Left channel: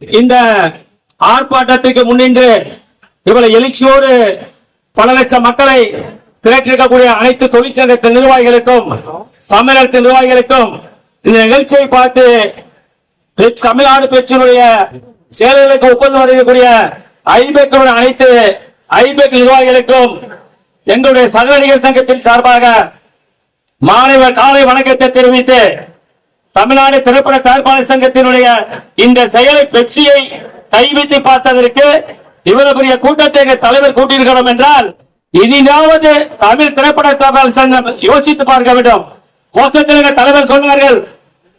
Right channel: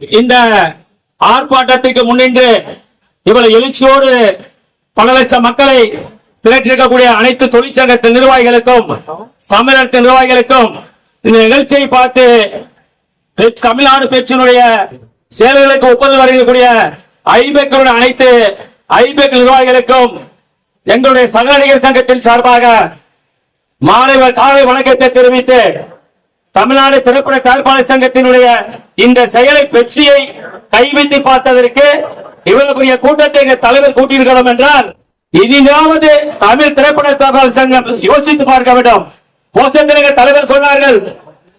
இந்த ஆர்ப்பாட்டத்திற்கு முன்னின்று இவ்வளவு எழுச்சியோடு பல லட்சம் மக்களை திரட்டிருக்கக்கூடிய அனைத்து தொழிற்சங்கத்தின் நிர்வாகிகளுக்கும் சம்மேளனத்தின் நிர்வாகிகளுக்கும் இந்த நிகழ்ச்சியை பார்த்து தமிழ்நாடு பெற்றினுடைய செயல்களுக்கு ஒப்புதல் வருகக்கூடிய ஐபேக்களுடைய அனைத்து ஐபேக் நிர்வாகிகளுக்கும் எங்களுடைய சக நடிகர் சங்கத்தின் சார்பாக மாணவர் காலை வணக்கத்தை தெரிவித்து தமிழ்நாடு திரைப்பட தயாரிப்பாளர் சங்கத்தினுடைய இந்த செயலை பெப்சியை கைவிட்டு பார்த்ததற்கு இவ்வளவு பெரிய கூட்டத்தை எங்கள் தலைவர் கூட்டியிருக்கிறோம் என்றால் இனியாவது தமிழ் திரைப்பட தயாரிப்பாளர் சங்கம் யோசித்து பார்க்க வேண்டும். கோஷத்தில் தலைவர் சொன்னார்கள்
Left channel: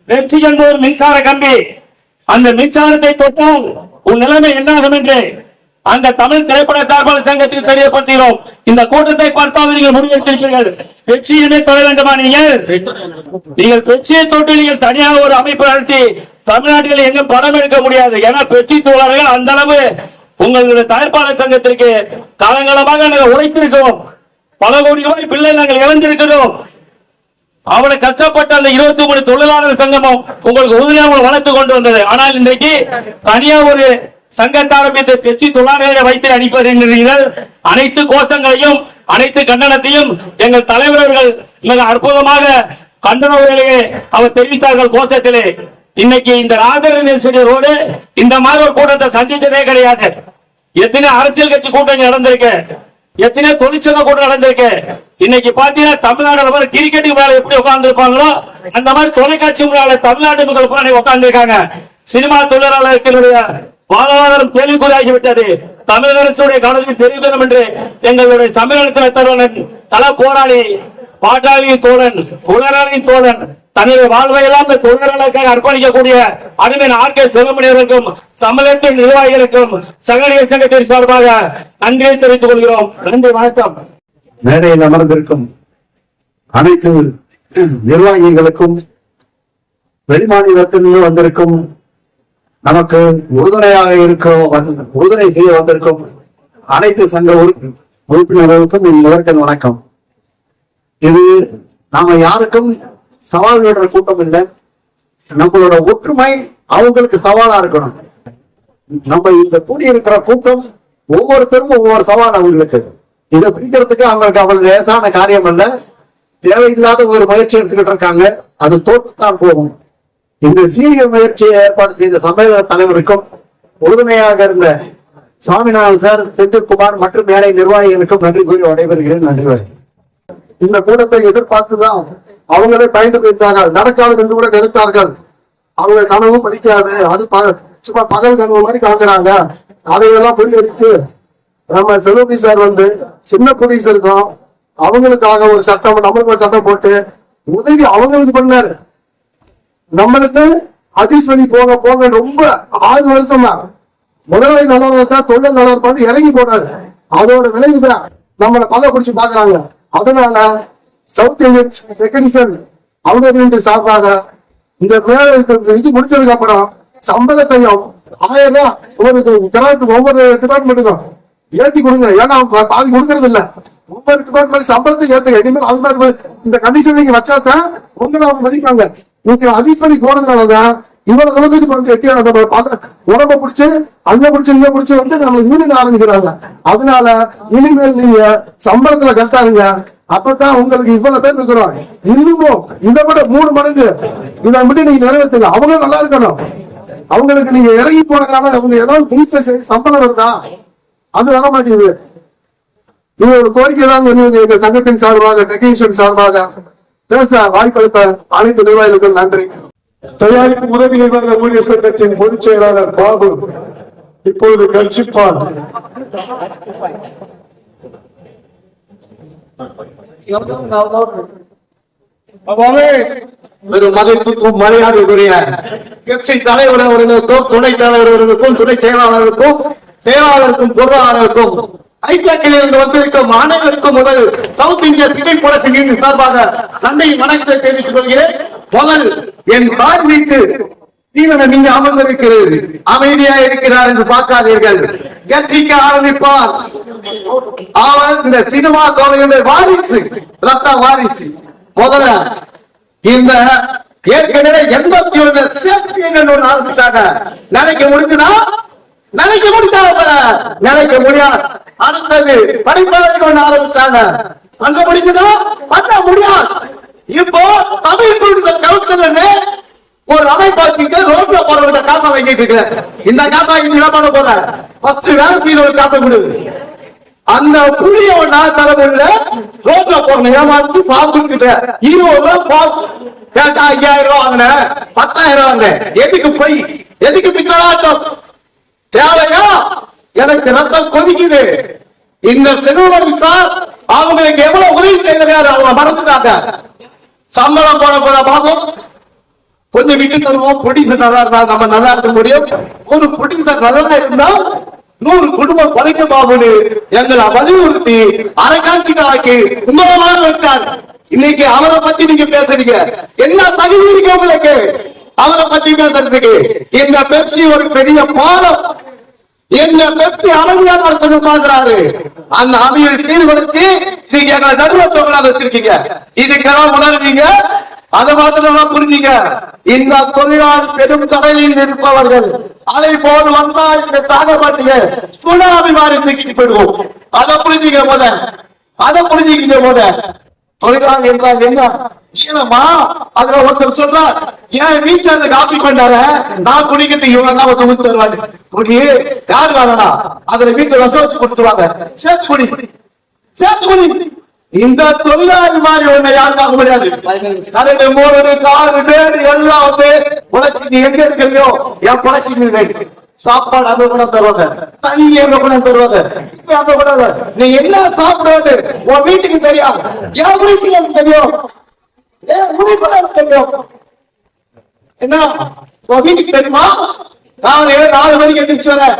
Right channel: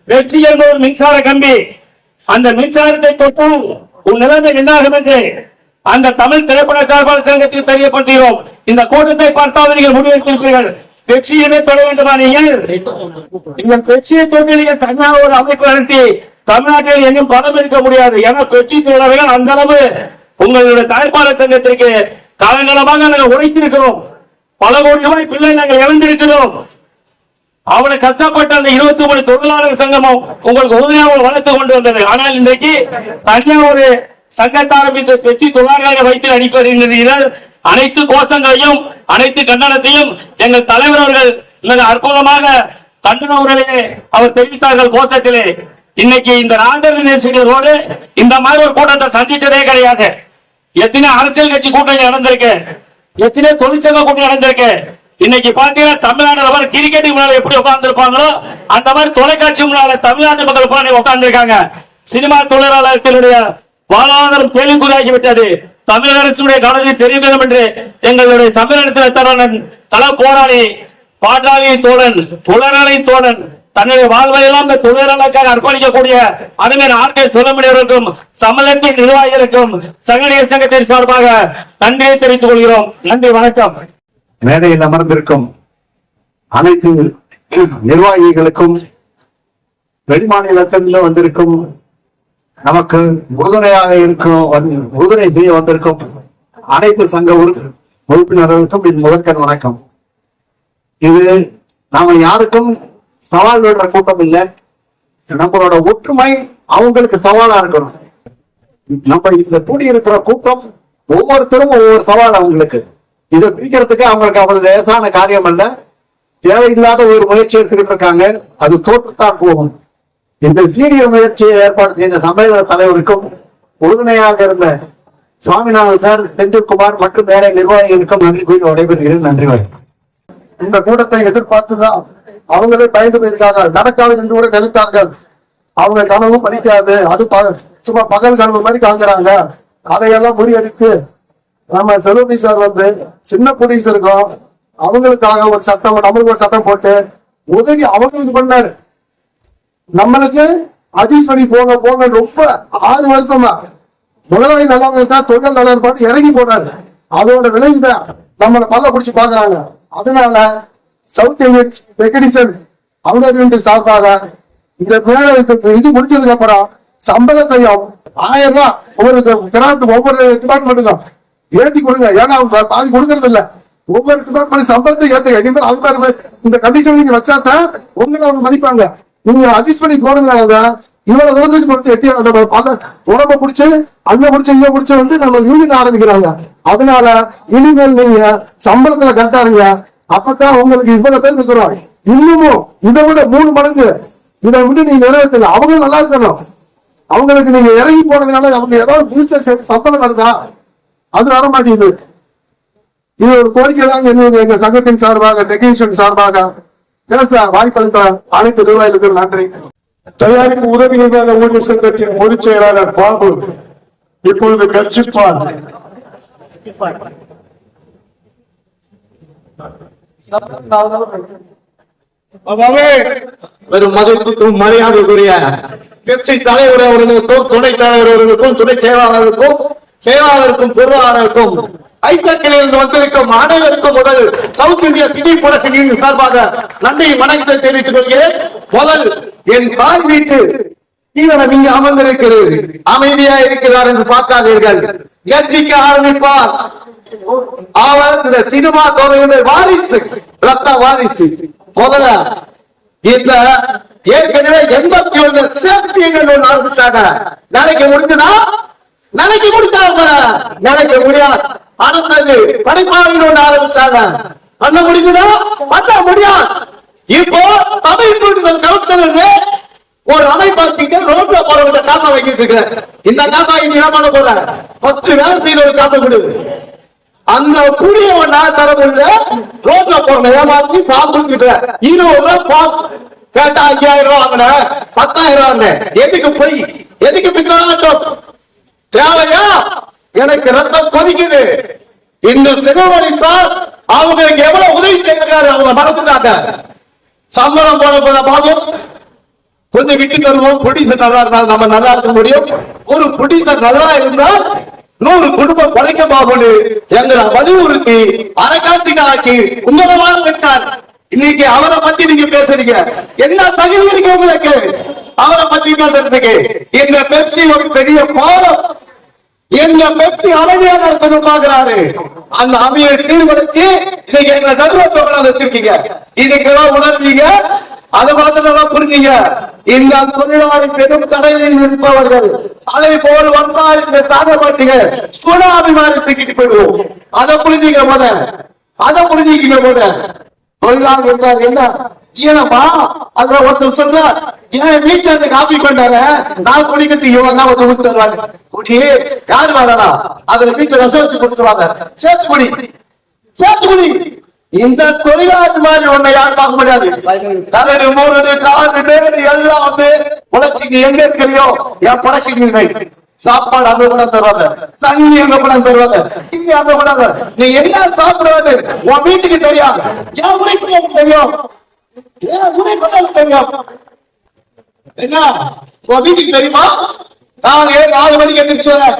வெற்றி என்பது மின்சார கம்பி. அந்த மின்சாரத்தை தொட்டால் உன் நிலைமை என்னாகும் என்று. அந்த தமிழ் திரைப்பட சார்பாளர் சங்கத்துக்கு தெரியப்படுத்துகிறோம். இந்த கூட்டத்தை பார்த்தாவது நீங்கள் முடிவெடுத்திருப்பீர்கள் வெற்றியுமே தொட வேண்டுமா நீங்கள்? நீங்கள் வெற்றியை தொட்டு நீங்கள் தனியாக ஒரு அமைப்பு நடத்தி தமிழ்நாட்டில் எங்கும் பணம் எடுக்க முடியாது. ஏன்னா வெற்றி தொழிலாளர்கள் அந்த அளவு உங்களுடைய தாய்ப்பாளர் சங்கத்திற்கு காலங்காலமாக நாங்கள் உழைத்திருக்கிறோம். பல கோடி ரூபாய் பிள்ளை நாங்கள் இழந்திருக்கிறோம். அவனை கஷ்டப்பட்ட அந்த இருபத்தி மூணு தொழிலாளர் சங்கமும் உங்களுக்கு உதவியாக வளர்த்து கொண்டு வந்தது. ஆனால் இன்றைக்கு தனியா ஒரு சங்கத்தை ஆரம்பித்து பெட்டி தொழிலாளர்களை வைத்து அனுப்பிடுகிறீர்கள் அனைத்து கோஷங்களையும் அனைத்து கண்டனத்தையும் எங்கள் தலைவர் அவர்கள் மிக அற்புதமாக கண்டன அவர் தெரிவித்தார்கள் கோஷத்திலே. இன்னைக்கு இந்த ராஜர் ரோடு இந்த மாதிரி ஒரு கூட்டத்தை சந்திச்சதே கிடையாது. எத்தனை அரசியல் கட்சி கூட்டம் நடந்திருக்கு. எத்தனை தொழிற்சங்க கூட்டம் நடந்திருக்கு. இன்னைக்கு பாத்தீங்கன்னா தமிழ்நாடு லெவல் எப்படி உட்கார்ந்து இருப்பாங்களோ அந்த மாதிரி தொலைக்காட்சி முன்னால தமிழ்நாட்டு மக்கள் உட்கார்ந்து இருக்காங்க சினிமா தொழிலாளர்களுடைய வாழ்வாதாரம் கேள்விக்குறியாகிவிட்டது. தமிழக அரசுடைய கலந்து தெரிவிக்கணும் என்று எங்களுடைய சம்மேளனத்தில் தலைவன் தல போராளி பாட்டாளி தோழன் புலனாளி தோழன் தன்னுடைய வாழ்வையெல்லாம் இந்த தொழிலாளருக்காக அர்ப்பணிக்கக்கூடிய அருமையான ஆர்கே சுலமணியவர்களுக்கும் சம்மேளனத்தின் நிர்வாகிகளுக்கும் சங்கடியர் சங்கத்தின் சார்பாக நன்றியை தெரிவித்துக் கொள்கிறோம். நன்றி வணக்கம். மேடையில் அமர்ந்திருக்கும் அனைத்து நிர்வாகிகளுக்கும் வெளிமாநிலத்திலிருந்து வந்திருக்கும் நமக்கு உறுதுணையாக இருக்கும் உறுதுணை செய்ய வந்திருக்கும் அனைத்து சங்க உறுப்பினர்களுக்கும் என் முதற்கண் வணக்கம். இது நாம யாருக்கும் சவால் விடுற கூட்டம் இல்லை. நம்மளோட ஒற்றுமை அவங்களுக்கு சவாலா இருக்கணும். நம்ம இந்த கூடி இருக்கிற கூட்டம் ஒவ்வொருத்தரும் ஒவ்வொரு சவால் அவங்களுக்கு. இதை பிரிக்கிறதுக்கு அவங்களுக்கு அவங்க லேசான காரியம் அல்ல. தேவையில்லாத ஒரு முயற்சி எடுத்துக்கிட்டு இருக்காங்க. அது தோற்றுத்தான் போகும். இந்த சீரிய முயற்சியை ஏற்பாடு செய்த சம்மேளன தலைவருக்கும் உறுதுணையாக இருந்த சுவாமிநாதன் சார் செந்தில்குமார் மற்றும் மேலை நிர்வாகிகளுக்கும் நன்றி கூறி விடைபெறுகிறேன். நன்றி இந்த கூட்டத்தை எதிர்பார்த்துதான் அவங்களே பயந்து போயிருக்காங்க. நடக்காது என்று கூட நினைத்தார்கள். அவங்க கனவு பதிக்காது. அது சும்மா பகல் கனவு மாதிரி காண்கிறாங்க. அதையெல்லாம் முறியடித்து நம்ம செல்வபி சார் வந்து சின்ன புடிஸ் இருக்கும். அவங்களுக்காக ஒரு சட்டம் நம்மளுக்கு ஒரு சட்டம் போட்டு உதவி அவங்களுக்கு பண்ணாரு. நம்மளுக்கு அஜீஸ் பண்ணி போக போங்க ரொம்ப ஆறு வருஷமா முதல்ல நல்லா இருந்தா தொழில் நல்லா இருப்பான்னு இறங்கி போனாரு. அதோட விளைவுதான் நம்மளை பல்ல பிடிச்சு பாக்குறாங்க அதனால சவுத் இந்தியன் டெக்னீஷியன் அவங்க சார்பாக இந்த இது முடிஞ்சதுக்கு அப்புறம் சம்பளத்தையும் ஆயிரம் ரூபாய் ஒவ்வொரு கிராண்ட் ஒவ்வொரு டிபார்ட்மெண்ட்டுக்கும் ஏத்தி கொடுங்க. ஏன்னா அவங்க பாதி கொடுக்கறது இல்ல. ஒவ்வொரு டிபார்ட்மெண்ட் சம்பளத்தை ஏத்துங்க. இனிமேல் அது மாதிரி இந்த கண்டிஷன் நீங்க வச்சாதான் உங்களை அவங்க மதிப்பாங்க. நீங்க அட்ஜஸ்ட் பண்ணி போனதுனாலதான் இவ்வளவு தூரத்துக்கு வந்து எட்டி நம்ம உடம்ப பிடிச்சு அங்க பிடிச்சு இங்க பிடிச்சு வந்து நம்ம யூனியன் ஆரம்பிக்கிறாங்க. அதனால இனிமேல் நீங்க சம்பளத்துல கட்டாருங்க அப்பதான் உங்களுக்கு இவ்வளவு பேர் இருக்கிறோம். இன்னமும் இதை விட மூணு மடங்கு இதை மட்டும் நீங்க நிறைவேற்றுங்க அவங்க நல்லா இருக்கணும். அவங்களுக்கு நீங்க இறங்கி போனதுனால அவங்க ஏதாவது புதுச்ச சம்பளம் வருதா அது வர மாட்டேங்குது இது ஒரு கோரிக்கை தான் எங்க சங்கத்தின் சார்பாக டெக்னீஷியன் சார்பாக பேச வாய்ப்பளித்த அனைத்து நிர்வாகிகளுக்கும் நன்றி. தயாரிப்பு உதவி நிர்வாக ஊழியர் சங்கத்தின் பொதுச் செயலாளர் பாபு இப்பொழுது கர்ஜிப்பார் மதிப்புக்கும் மரியாதைக்குரிய கட்சி தலைவர் அவர்களுக்கும் துணை தலைவர் அவர்களுக்கும் துணை செயலாளருக்கும் செயலாளருக்கும் பொருளாளருக்கும் ஐக்கியத்தில் இருந்து வந்திருக்கும் அனைவருக்கும் முதல் சவுத் இந்திய சிட்டி புரட்சியின் சார்பாக நன்றி வணக்கத்தை தெரிவித்துக் கொள்கிறேன். முதல் என் தாய் வீட்டு தீவனம் இங்கு அமர்ந்திருக்கிறது. அமைதியா இருக்கிறார் என்று பார்க்காதீர்கள். எத்திக்க ஆரம்பிப்பார். அவர் இந்த சினிமா துறையினர் வாரிசு ரத்த வாரிசு. முதல்ல இந்த ஏற்கனவே எண்பத்தி ஒண்ணு சேஃப்டி ஒண்ணு ஆரம்பிச்சாங்க. நினைக்க முடிஞ்சாங்க நினைக்க முடியாது. அடுத்தது படிப்பாளர்கள் ஒண்ணு ஆரம்பிச்சாங்க. பண்ண முடிஞ்சதா? பண்ண முடியாது. இப்போ தமிழ் டூரிசம் கவுன்சில் ஒரு அமைப்பாச்சுக்கு ரோட்ல போறவங்க காசை வாங்கிட்டு இருக்கு. இந்த காசை வாங்கி என்ன பண்ண போற? ஃபர்ஸ்ட் வேலை செய்த ஒரு காசை கொடு. அந்த புளிய நான் தலைமுறையில ரோட்ல போன ஏமாத்தி ஃபார்ம் கொடுத்துட்ட. இருபது ரூபா ஃபார்ம் கேட்டா ஐயாயிரம் ரூபா வாங்கின. பத்தாயிரம் வாங்கினேன் எதுக்கு போய்? எதுக்கு பிக்கலாட்டம் தேவையா? எனக்கு ரத்தம் கொதிக்குது. இந்த சிறுவனை சார் அவங்களுக்கு எவ்வளவு உதவி செய்திருக்காரு அவங்க மறந்துட்டாங்க. சம்பளம் போட போன பாபம் கொஞ்சம் விட்டு தருவோம் ப்ரொடியூசர் நல்லா இருந்தால் நம்ம நல்லா இருக்க முடியும். ஒரு ப்ரொடியூசர் நல்லா இருந்தால் நூறு குடும்பம் பழைக்க பாபுன்னு எங்களை வலியுறுத்தி அரைக்காட்சிக்கு ஆக்கி உங்களமான வச்சார். இன்னைக்கு அவரை பத்தி நீங்க பேசுறீங்க. என்ன தகுதி இருக்கு உங்களுக்கு? அவரை பத்தி பேசுறதுக்கு இந்த பெப்சி ஒரு பெரிய பாலம். எங்க பெப்சி அமைதியா நடத்தணும் பாக்குறாரு. அந்த அமையை சீர்படுத்தி நீங்க எங்களை நடுவத்தை கொண்டாந்து வச்சிருக்கீங்க. இதுக்கெல்லாம் உணர்ந்தீங்க? அதை மாத்திரம் நல்லா புரிஞ்சீங்க. இந்த தொழிலாளி பெரும் தடையில் இருப்பவர்கள் அதை போல் வந்தால் இங்க தாங்க சுனாமி மாதிரி தூக்கிட்டு போயிடுவோம். அதை புரிஞ்சுக்க போத அதை புரிஞ்சுக்க போத தொழிலாளி என்றால் என்ன? ஏனமா அதுல ஒருத்தர் சொல்றார் என் வீட்டுல இருந்து காப்பி கொண்டாரு நான் குடிக்கிறதுக்கு இவன் தான் வந்து ஊத்து தருவாங்க குடி யார் வேணா அதுல வீட்டுல ரசம் வச்சு கொடுத்துருவாங்க. சேர்த்து குடி. சேர்த்து குடி. இந்த தொழிலாளி மாதிரி ஒண்ணு யாரும் பார்க்க முடியாது. கரடு மூணு காலு பேரு எல்லாம் வந்து உழைச்சிக்கு எங்க இருக்கிறியோ? என் பழச்சிக்கு சாப்பாடு அங்க கூட தருவாங்க. தண்ணி அங்க கூட தருவாங்க. நீ அங்க கூட நீ என்ன சாப்பிடுவது உன் வீட்டுக்கு தெரியாது. என் வீட்டுக்கு எனக்கு தெரியும்? என் தெரியும் என்ன? உன் வீட்டுக்கு தெரியுமா? காலையில நாலு மணிக்கு எந்திரிச்சு வரேன்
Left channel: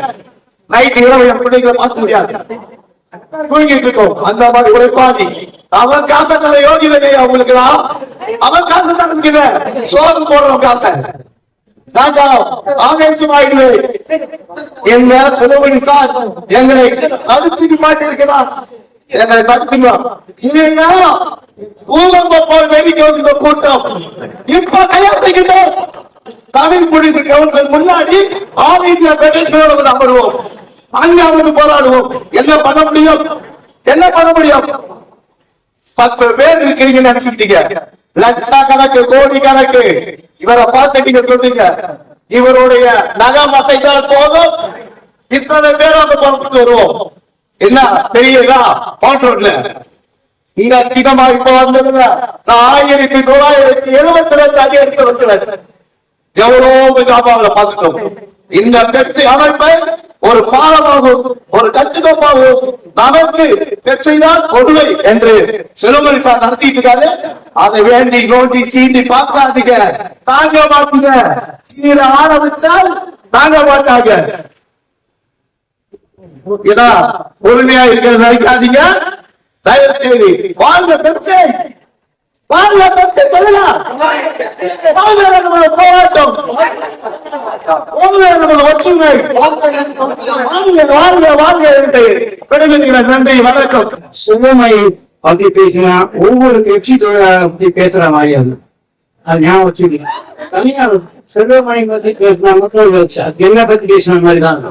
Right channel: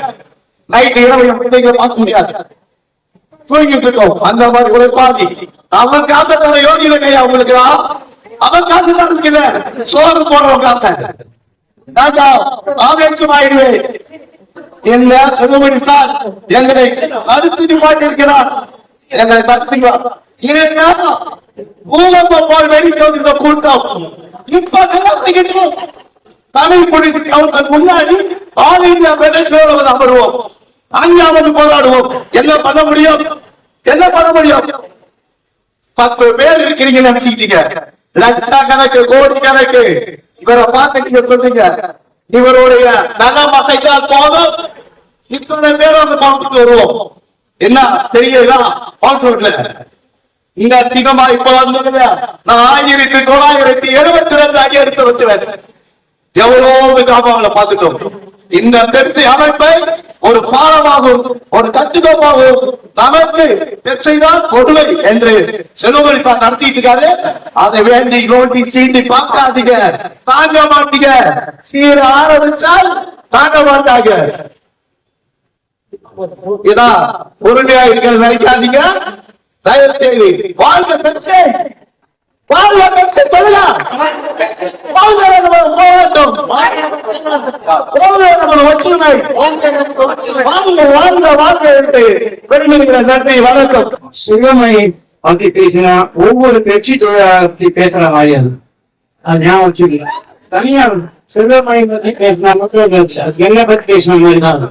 நைட்டு இரவு என் பிள்ளைங்களை பார்க்க முடியாது. தூங்கிட்டு இருக்கோம். அந்த மாதிரி உழைப்பாதி அவன் காசை தர யோகிதை கையா உங்களுக்கு? அவன் காசை நடந்துக்கிறேன் சோறு போடுறவன் காசை. ராஜா ஆவேசம் ஆயிடுவேன் என்ன சிறுவடி சார்? எங்களை தடுத்து நிப்பாட்டி இருக்கிறார் எங்களை தடுத்துங்க. இல்லைங்க பூகம்ப போல் வெடிக்க இந்த கூட்டம். இப்ப தயாரிக்கிட்டோம் தமிழ் மொழிக்கு கவுன்சில் முன்னாடி ஆல் இந்தியா பெடரேஷனோட நம்பருவோம் வருவோம் அஞ்சாவது போராடுவோம். என்ன பண்ண முடியும்? என்ன பண்ண முடியும்? பத்து பேர் இருக்கிறீங்க நினைச்சுக்கிட்டீங்க. லட்ச கணக்கு கோடி கணக்கு இவரை பார்த்து நீங்க சொன்னீங்க இவருடைய நகை மசைத்தால் போதும். இத்தனை பேர் அந்த பவுண்டருக்கு வருவோம். என்ன தெரியுதா? பாட்டு இந்த சிதமா இப்ப வந்ததுல நான் ஆயிரத்தி தொள்ளாயிரத்தி எழுபத்தி ரெண்டு அடி எடுத்து வச்சுவேன். எவ்வளவு காப்பாள பாத்துட்டோம் இந்த பெப்சி அமைப்பை ஒரு பாலமாகும் ஒரு கட்டுக்கோப்பாகவும் நமக்கு பெப்சிதான் கொடுமை என்று செலவழி சார் நடத்திட்டு இருக்காரு. அதை வேண்டி நோட்டி சீண்டி பார்க்காதீங்க. தாங்க மாட்டீங்க. சீர ஆரம்பிச்சால் தாங்க மாட்டாங்க. இதா பொறுமையா இருக்கிற நினைக்காதீங்க. தயவு செய்து வாழ்க பெப்சி வாழ்க பெப்சி சொல்லுங்க. வாழ்க நம்ம போராட்டம். வாழ்க நமது ஒற்றுமை. வாழ்க வாழ்க வாழ்க என்று விடைபெறுகிற நன்றி வணக்கம். சுகமை பத்தி பேசினா ஒவ்வொரு பெப்சி தொழிலாளர் பத்தி பேசுற மாதிரி அது. அது ஞாபகம் வச்சுக்கல தனியா சிவமணி பத்தி பேசினா மட்டும் என்ன பத்தி பேசின மாதிரி தான்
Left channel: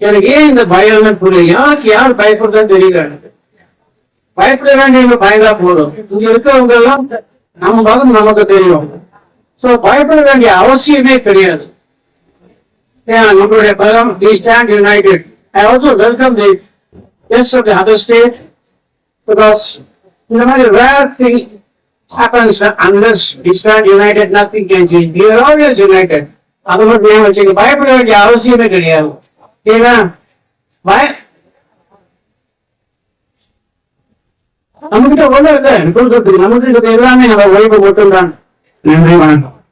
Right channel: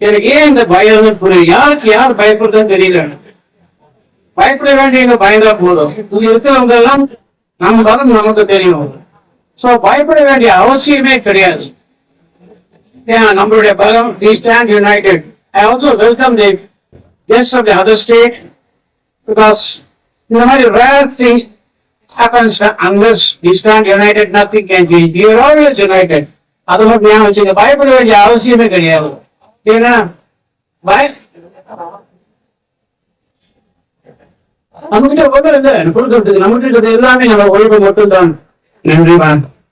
எனக்கு ஏன் இந்த பயம்னு புரியுது? யாருக்கு யார் பயப்படுறதுன்னு தெரியல எனக்கு. பயப்பட வேண்டியவங்க பயந்தா போதும் இங்க இருக்கிறவங்க எல்லாம் நம்ம பலம் நமக்கு தெரியும் சோ பயப்பட வேண்டிய அவசியமே கிடையாது ஏன்னா நம்மளுடைய பலம் we stand united I also welcome the guest of the other state because in the very rare thing happens that unless we stand united, nothing can change. We are always united. அது மட்டும் ஞாபகம் வச்சுக்க பயப்பட வேண்டிய அவசியமே கிடையாது ஏன்னா பய நம்மகிட்ட ஒண்ணு இல்ல கொடுக்கறதுக்கு நம்மகிட்ட இருக்கிறது எல்லாமே நம்ம ஓய்வு மட்டும்தான். நன்றி வணக்கம்.